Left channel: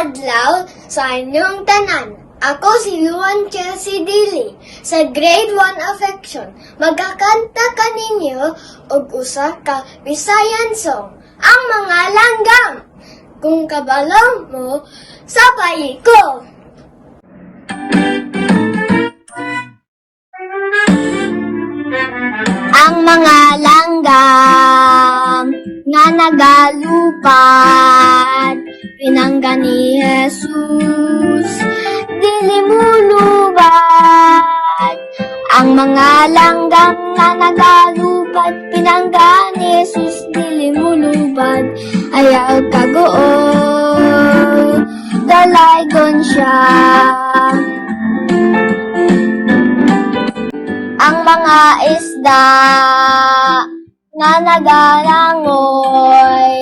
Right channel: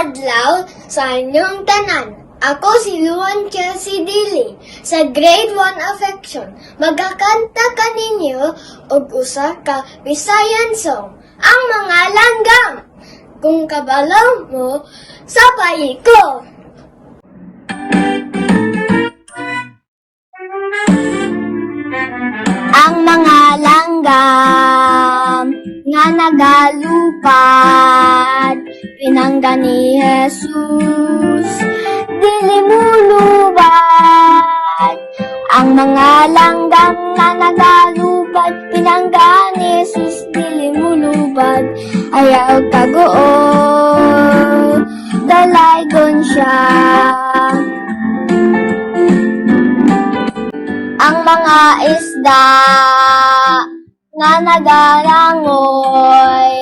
adlaw sa inyong tanan. Ako si Luan Chelsea Dili sa Grade 1 Affection. Magkakanta kaninyo og usa ka Visayan song, ang mga langgam. Kung kabalaw mo, sabay ko. Ang mga langgam nga nagalupad, pinangga ni Jesus, dili mulubad. Ang mga langgam nga nagalupad, pinangga ni Jesus, dili mulubad. Ayaw kagoon, dalaygon siya. Ang mga isda nga nagarangoy,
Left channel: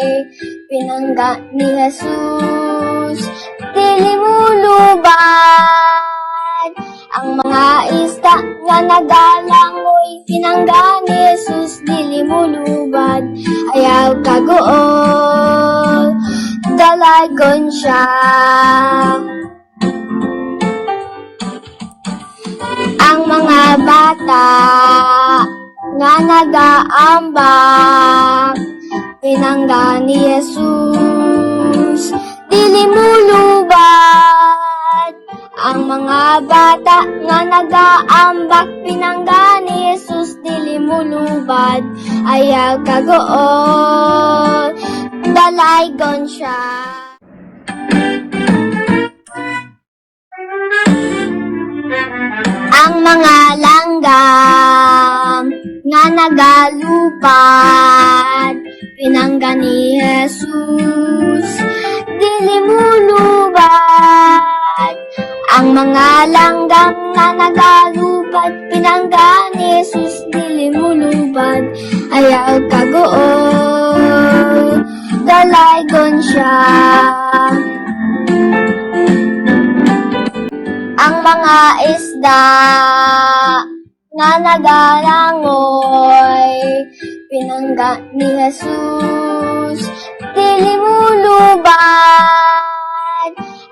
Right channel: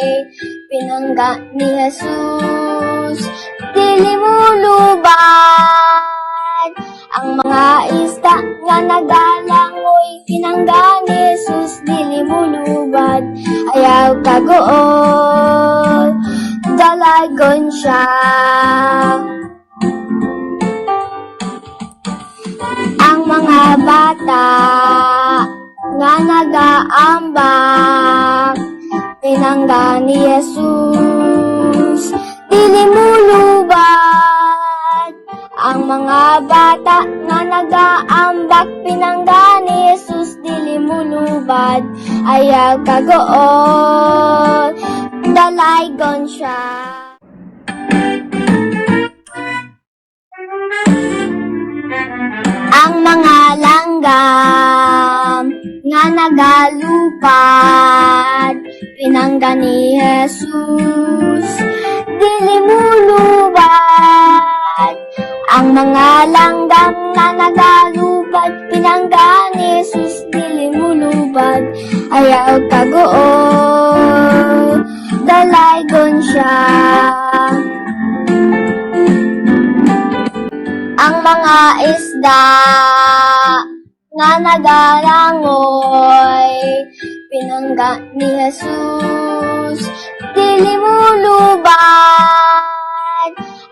pinangga ni Jesus, dili mulubad. Ang mga isda nga nagarangoy, pinangga ni Jesus, dili mulubad. Ayaw kagoon, dalaygon siya. Ang mga bata nga nagaambang, pinangga ni Jesus, dili mulubad. Ang mga bata nga nagaambak, pinangga ni Jesus, dili mulubad. Ayaw kagoon, dalaygon siya. Ang mga langgam nga nagalupad, pinangga ni Jesus, dili mulubad. Ang mga langgam nga nagalupad, pinangga ni Jesus, dili mulubad. Ayaw kagoon, dalaygon siya. Ang mga isda nga nagarangoy, pinangga ni Jesus, dili mulubad.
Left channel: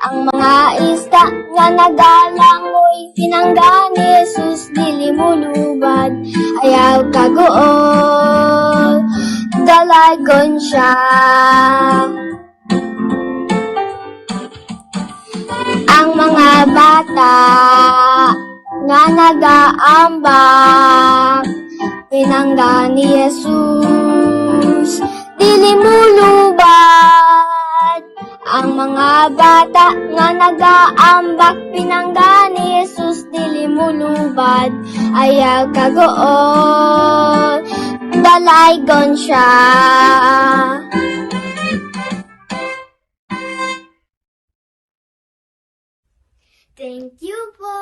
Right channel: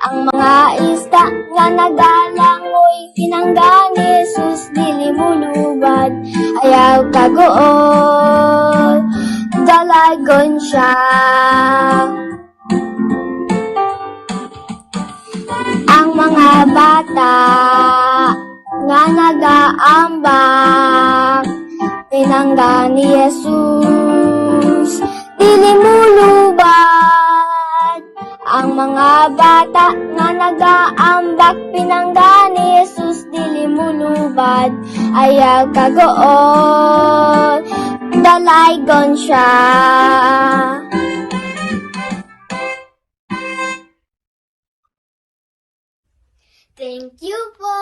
Ang mga isda nga nagarangoy, pinangga ni Jesus, dili mulubad. Ayaw kagoon, dalaygon siya. Ang mga bata nga nagaambang, pinangga ni Jesus, dili mulubad. Ang mga bata nga nagaambak, pinangga ni Jesus, dili mulubad. Ayaw kagoon, dalaygon siya. Thank you po.